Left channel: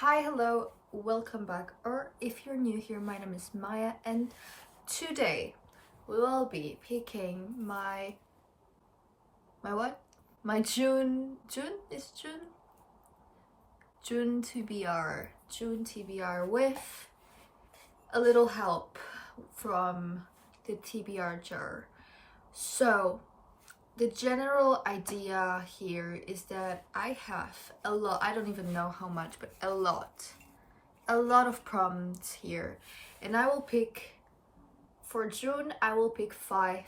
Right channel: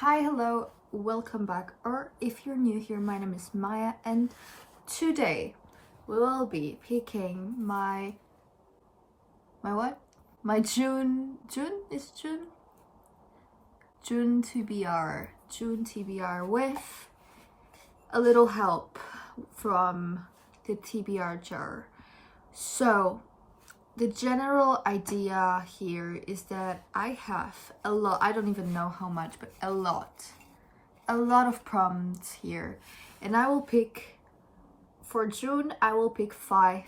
Hi, hello, welcome back, or if you're new here, my name is Maya, and today we will be picking my what? My June TBR with a little help from the TBR jar. So the general idea here is that I have a lot, I don't even know how much, but a lot of prompts here, and I will pick, for June, I will pick five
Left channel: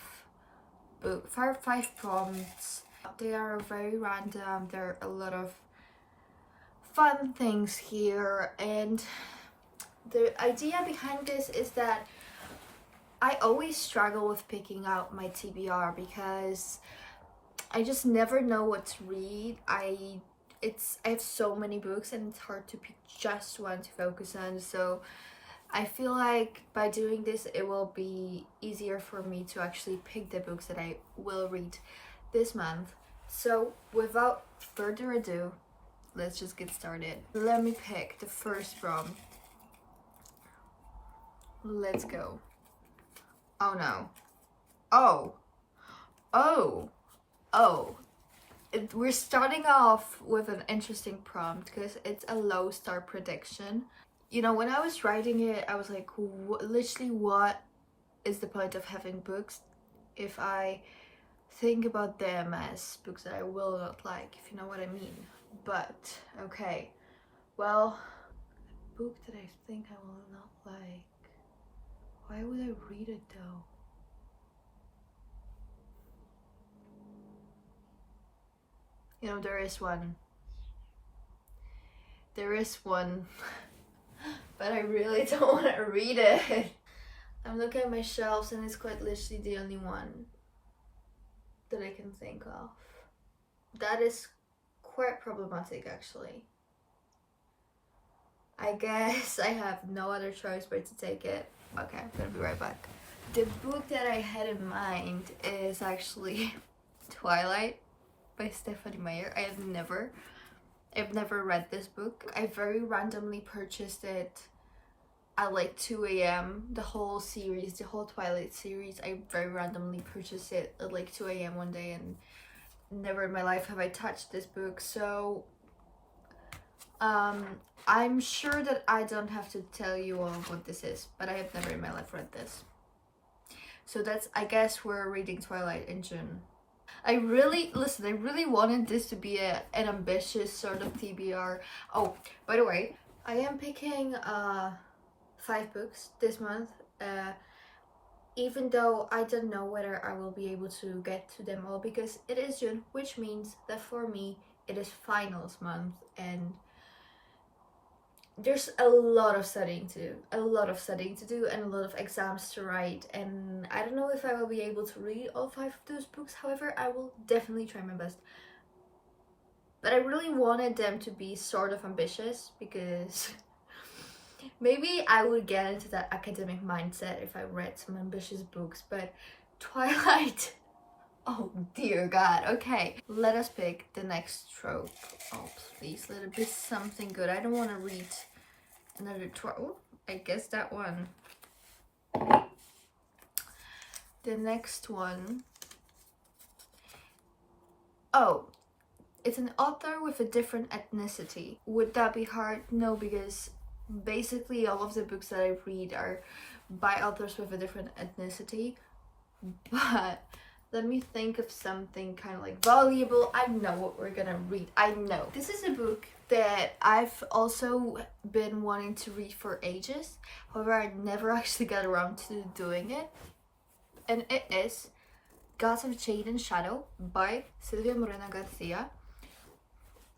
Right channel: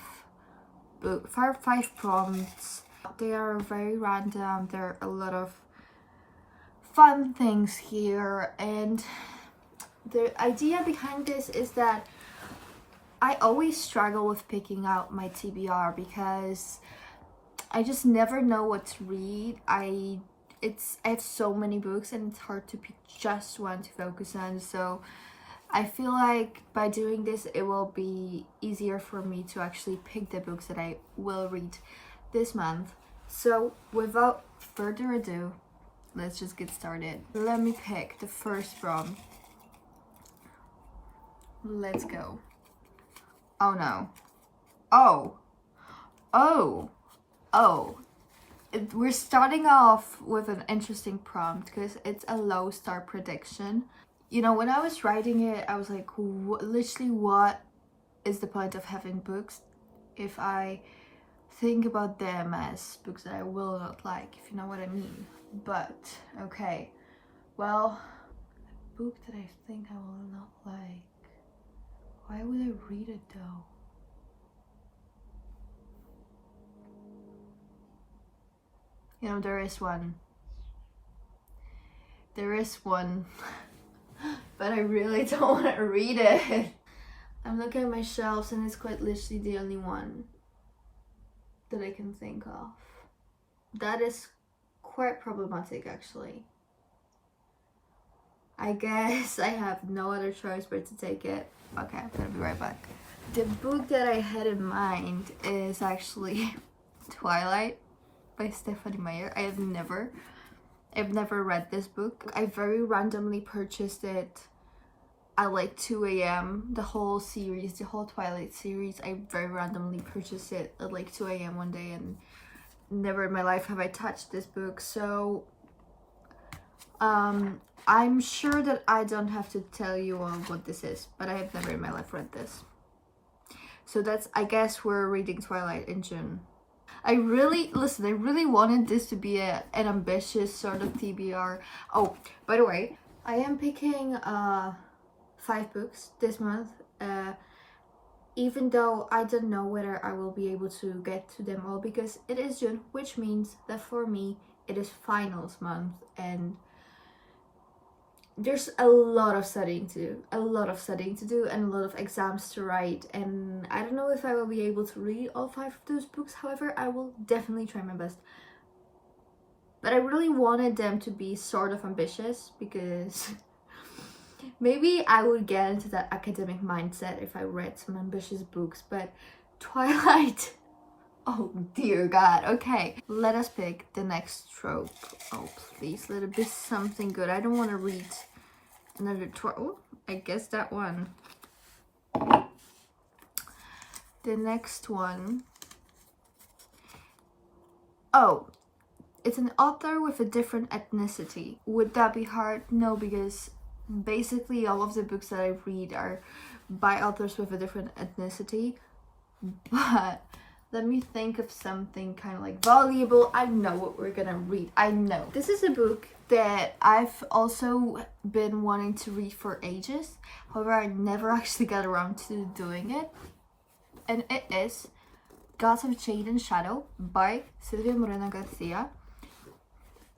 prompts. They are very random, there are a lot of fun things here, and the idea behind this is that I always struggle with picking out my TBR because I just never know what to read. I have so many books and it's hard to pick just one to focus on, so I feel like by doing this it will be easier for me to actually pick the books that I will read this month. So without further ado, let's just get started. Let me pick the first prompt. Let's go. Oh no. We're starting off with an interesting prompt because it's a low star prediction. You know, when I was writing it, I was like, literally, what is the point of having books if I think about them as books that I will not like, if you know what I mean. But okay, well, a book that I think I will not like, why would I read it though? You know, there is one, but I really don't want to read it. I'm looking at my shelves and it's quite literally the only one that I can think of. That is quite problematic, actually. I guess I have no other choice but to take it. Okay, I'm gonna be right back. The book that I had in mind is actually Twilight by Stephenie Meyer. I've never read this book. I very randomly purchased it at like 2 a.m. The whole series, the whole Twilight series, I very randomly purchased it at like 2 a.m. one day, and never in my life have I touched this book. So I'm sure that I don't have to tell you all what this is, but I have never in my life read this. So that's, I guess we're reading Twilight in June. I really wanted this to be an ambitious sort of TBR. Oh, by the way, I am picking 5 books this month, even though I don't know whether I will be able to get to them all because it is June, which means that for me it is finals month and there's a lot of studying to do and a lot of exams to write, and I don't know if I will be able to read all 5 of those books. However, I will definitely try my best. But I really wanted them to be sort of ambitious because maybe I would get into that academic mindset if I read some ambitious books, but Twilight, oh dear God. Okay, let us pick the next trope. Oh please, let it be something good. I don't want to read another trope. Oh, I guess that one. The next one. Oh, it's an author with a different ethnicity. Would that be hard? No, because basically all of the books that I read are by authors with a different ethnicity. But let me think of something kind of like valuable. I know what we're gonna read. I know. This is a book that I've also been wanting to read for ages. However, I never actually got around to doing it. And it is Gods of Jade and Shadow by Silvia Moreno-Garcia.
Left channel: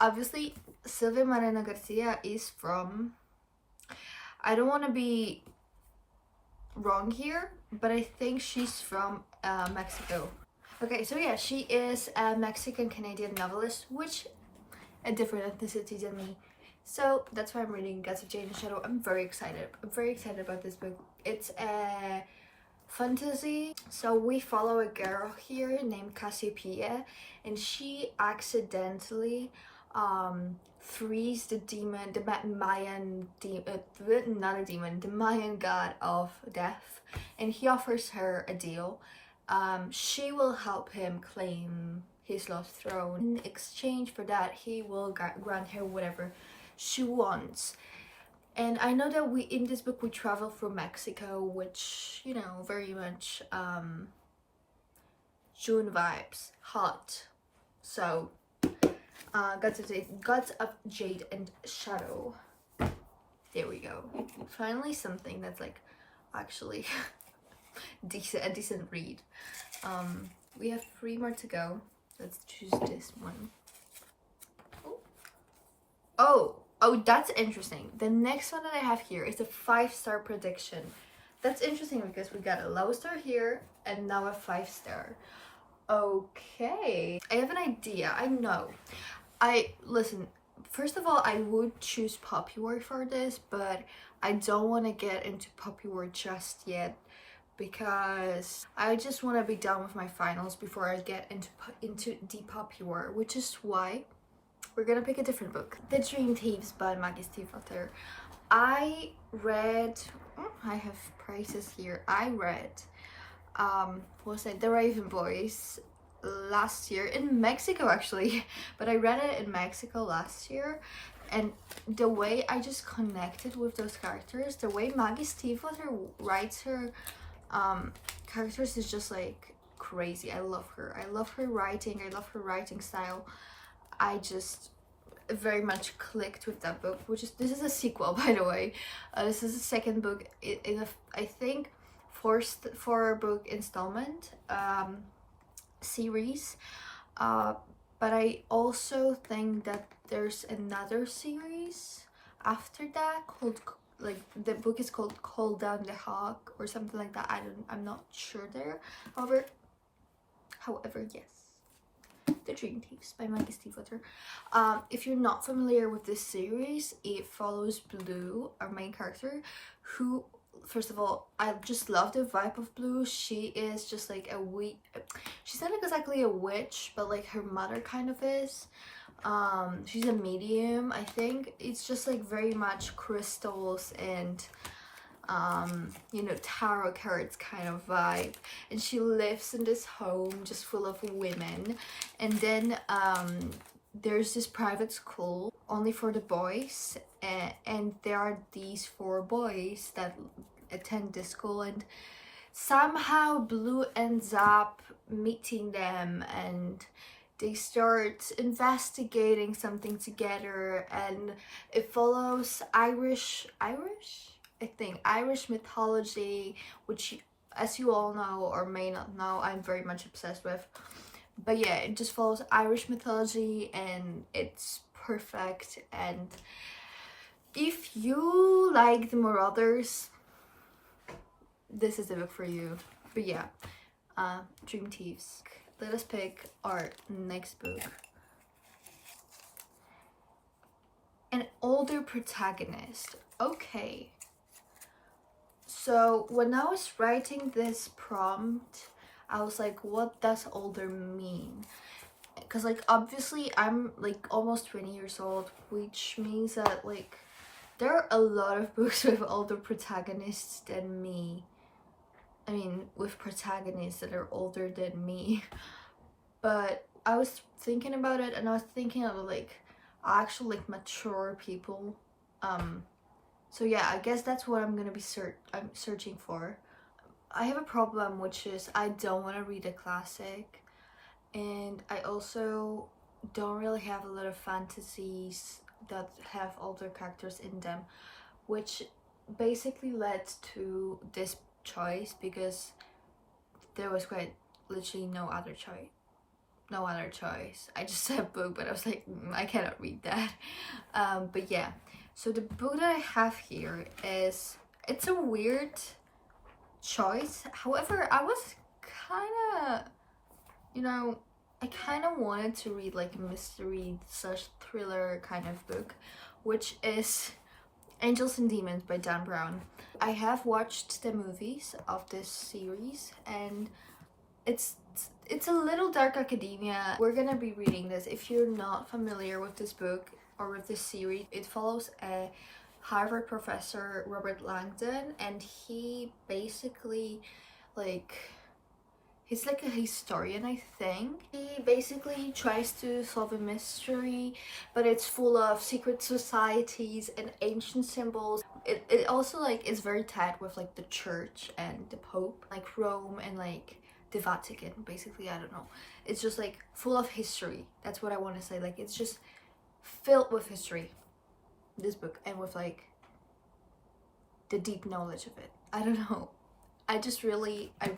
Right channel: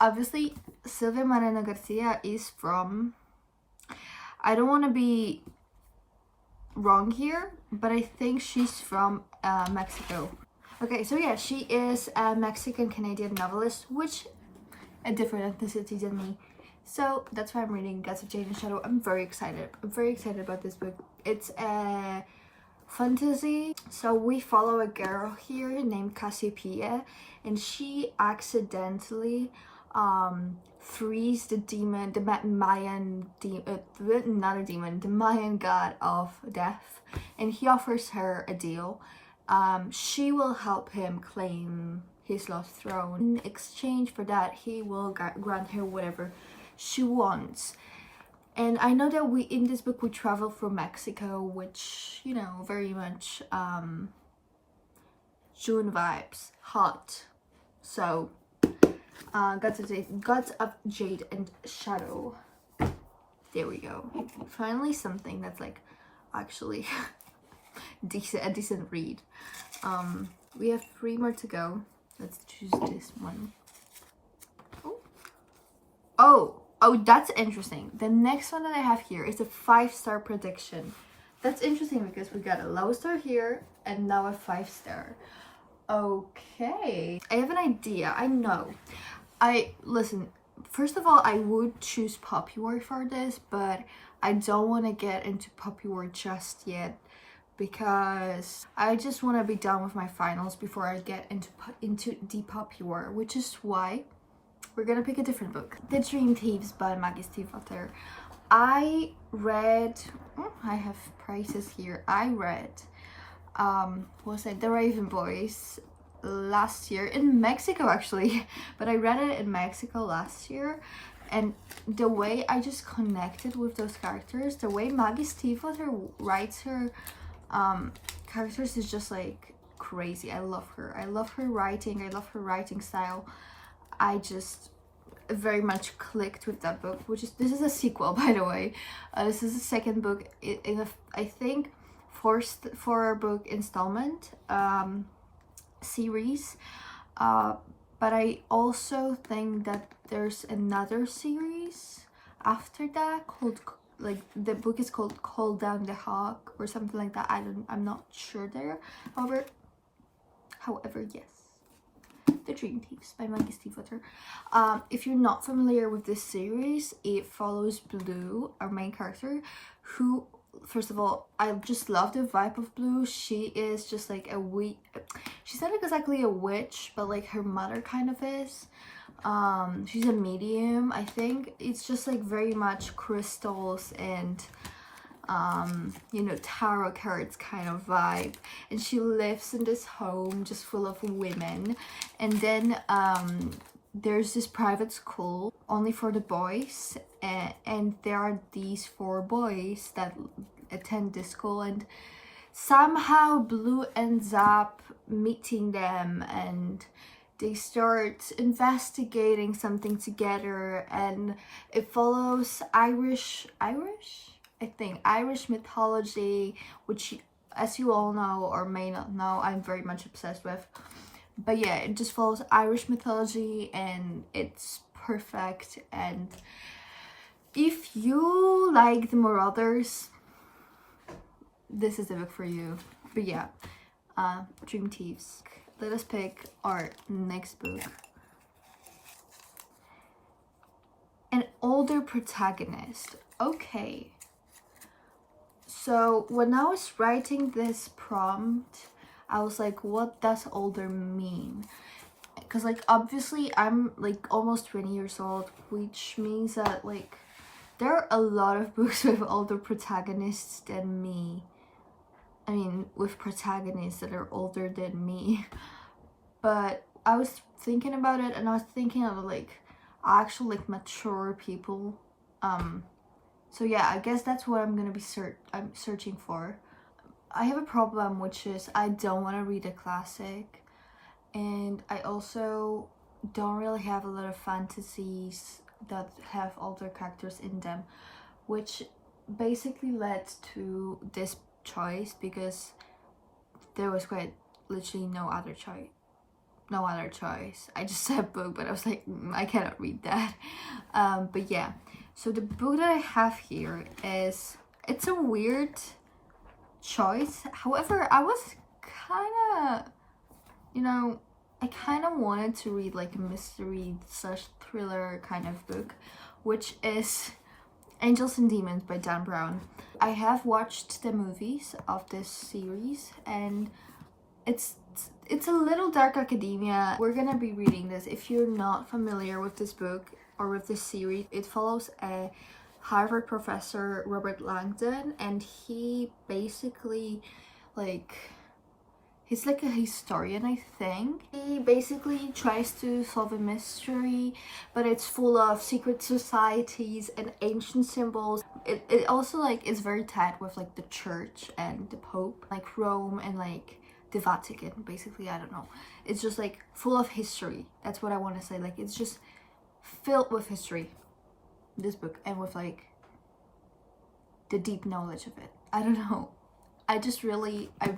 Obviously, Silvia Moreno-Garcia is from, I don't want to be wrong here, but I think she's from Mexico. Okay, so yeah, she is a Mexican-Canadian novelist, which a different ethnicity than me. So that's why I'm reading Gods of Jade and Shadow. I'm very excited. I'm very excited about this book. It's a fantasy. So we follow a girl here named Cassiopeia, and she accidentally Threes, the demon, the Mayan not a demon, the Mayan god of death, and he offers her a deal. She will help him claim his lost throne. In exchange for that, he will grant her whatever she wants. And I know that in this book we travel through Mexico, which, you know, very much June vibes, hot. So Gods of Jade and Shadow. There we go. Finally something that's like actually a decent read. We have 3 more to go. Let's choose this one. Oh, that's interesting. The next one that I have here is a 5-star prediction. That's interesting because we got a low star here and now a 5-star. Okay, I have an idea. I know. Listen, first of all, I would choose Popular for this, but I don't want to get into Popular just yet because I just want to be done with my finals before I get into the Popular, which is why we're gonna pick a different book. The Dream Thieves by Maggie stiefvater. I read, I have prices here. I read, The Raven Boys last year in Mexico actually, but I read it in Mexico last year, and the way I just connected with those characters, the way Maggie stiefvater writes her characters is just like crazy. I love her. I love her writing. I love her writing style. I just very much clicked with that book, this is a sequel, by the way. This is the second book in a, I think, 4-book installment series, but I also think that there's another series after that called, like, the book is called Call Down the Hawk or something like that. I'm not sure there. However, yes. The Dream Thieves by Maggie stiefvater. If you're not familiar with this series, it follows Blue, our main character, who, first of all, I just love the vibe of Blue. She is just like she's not exactly a witch, but like her mother kind of is. She's a medium, I think. It's just like very much crystals and you know, tarot cards kind of vibe, and she lives in this home just full of women, and then there's this private school only for the boys, and there are these 4 boys that attend this school, and somehow Blue ends up meeting them, and they start investigating something together, and it follows Irish mythology, which, as you all know or may not know, I'm very much obsessed with. But yeah, it just follows Irish mythology and it's perfect. And if you like the Marauders, this is the book for you. But yeah, Dream Thieves. Let us pick our next book. An older protagonist. Okay. So when I was writing this prompt, I was like, what does older mean? Because like obviously I'm like almost 20 years old, which means that like there are a lot of books with older protagonists than me. I mean, with protagonists that are older than me. But I was thinking about it, and I was thinking of like actual like mature people. So yeah, I guess that's what I'm gonna be searching for. I have a problem, which is I don't want to read a classic, and I also don't really have a lot of fantasies that have older characters in them, which basically led to this choice because there was quite literally no other choice. I just said book, but I was like, I cannot read that. But yeah, so the book that I have here it's a weird choice. However, I was kind of, you know, I kind of wanted to read like a mystery / thriller kind of book, which is Angels and Demons by Dan Brown. I have watched the movies of this series, and it's It's a little dark academia. We're gonna be reading this. If you're not familiar with this book or with this series, it follows a Harvard professor, Robert Langdon, and he basically, like, he's like a historian, I think. He basically tries to solve a mystery, but it's full of secret societies and ancient symbols. It also, like, is very tied with, like, the church and the Pope, like Rome and, like, the Vatican, basically. I don't know. It's just, like, full of history. That's what I want to say. Like, it's just filled with history, this book, and with, like, the deep knowledge of it. I don't know. I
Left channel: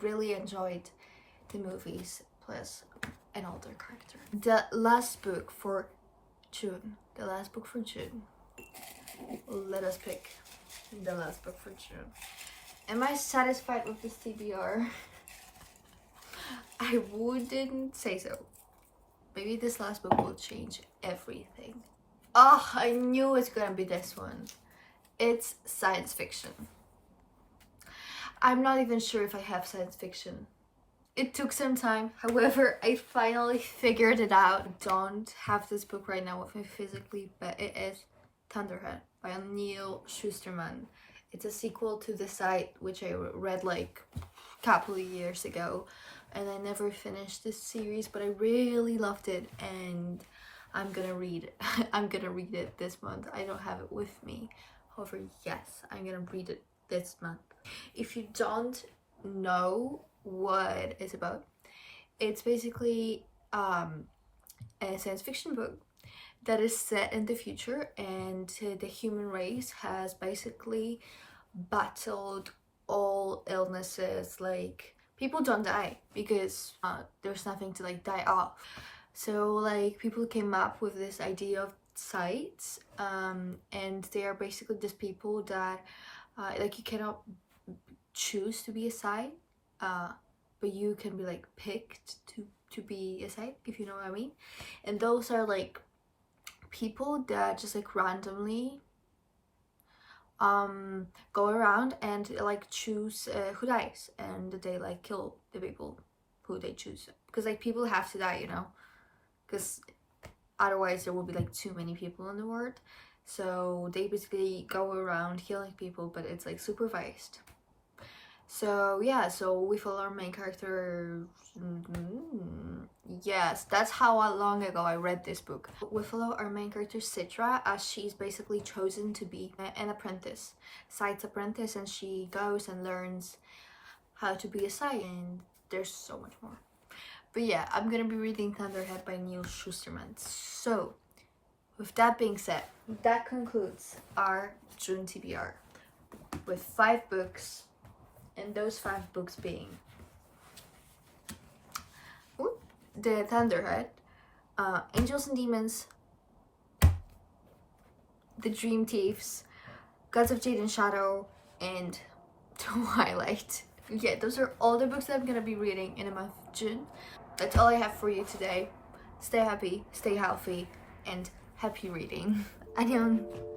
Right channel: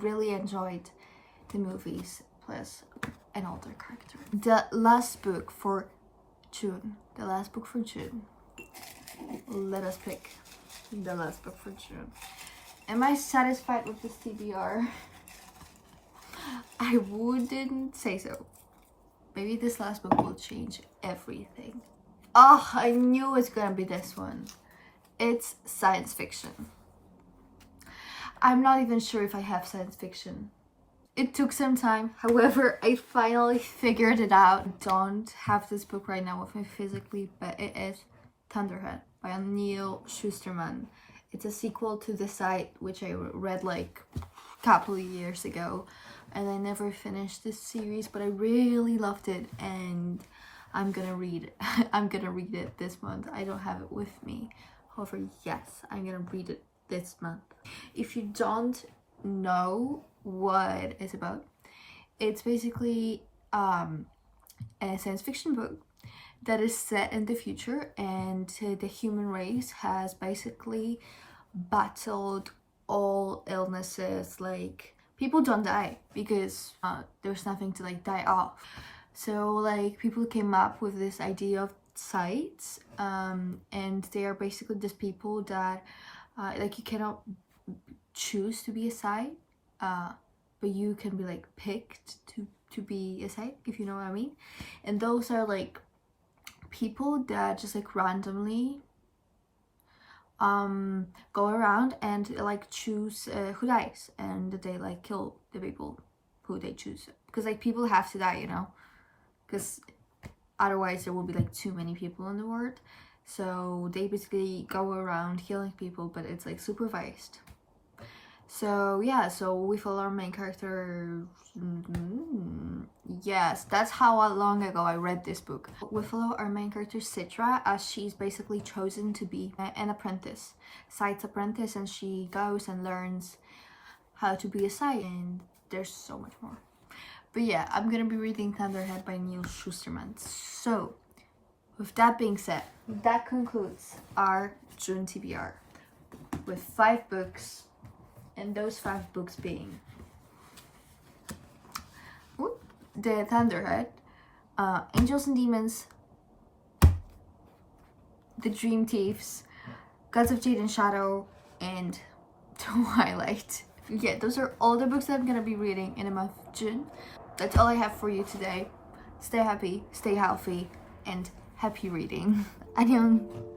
really enjoyed the movies, plus an older character. The last book for June. Let us pick the last book for June. Am I satisfied with this TBR? I wouldn't say so. Maybe this last book will change everything. Oh, I knew it's gonna be this one. It's science fiction. I'm not even sure if I have science fiction. It took some time, however, I finally figured it out. I don't have this book right now with me physically, but it is Thunderhead by Neal Shusterman. It's a sequel to The Sight, which I read like a couple of years ago, and I never finished this series, but I really loved it, and I'm gonna read it. I'm gonna read it this month. I don't have it with me. However, yes, I'm gonna read it this month. If you don't know what it's about, it's basically a science fiction book that is set in the future, and the human race has basically battled all illnesses. Like, people don't die because there's nothing to, like, die of. So, like, people came up with this idea of sights, and they are basically just people that like, you cannot choose to be a sight, but you can be, like, picked to be a sight, if you know what I mean. And those are, like, people that just, like, randomly go around and, like, choose who dies, and they, like, kill the people who they choose, because, like, people have to die, you know, because otherwise there will be, like, too many people in the world. So they basically go around killing people, but it's, like, supervised. So yeah, so we follow our main character. Yes, that's how long ago I read this book. We follow our main character Citra, as she's basically chosen to be an apprentice, Sight's apprentice, and she goes and learns how to be a Sight, and there's so much more. But yeah, I'm gonna be reading Thunderhead by Neal Shusterman. So with that being said, that concludes our June TBR with 5 books, and those 5 books being the Thunderhead, Angels and Demons, The Dream Thieves, Gods of Jade and Shadow, and Twilight. Yeah, those are all the books that I'm gonna be reading in the month of June. That's all I have for you today. Stay happy, stay healthy, and happy reading. Annyeong.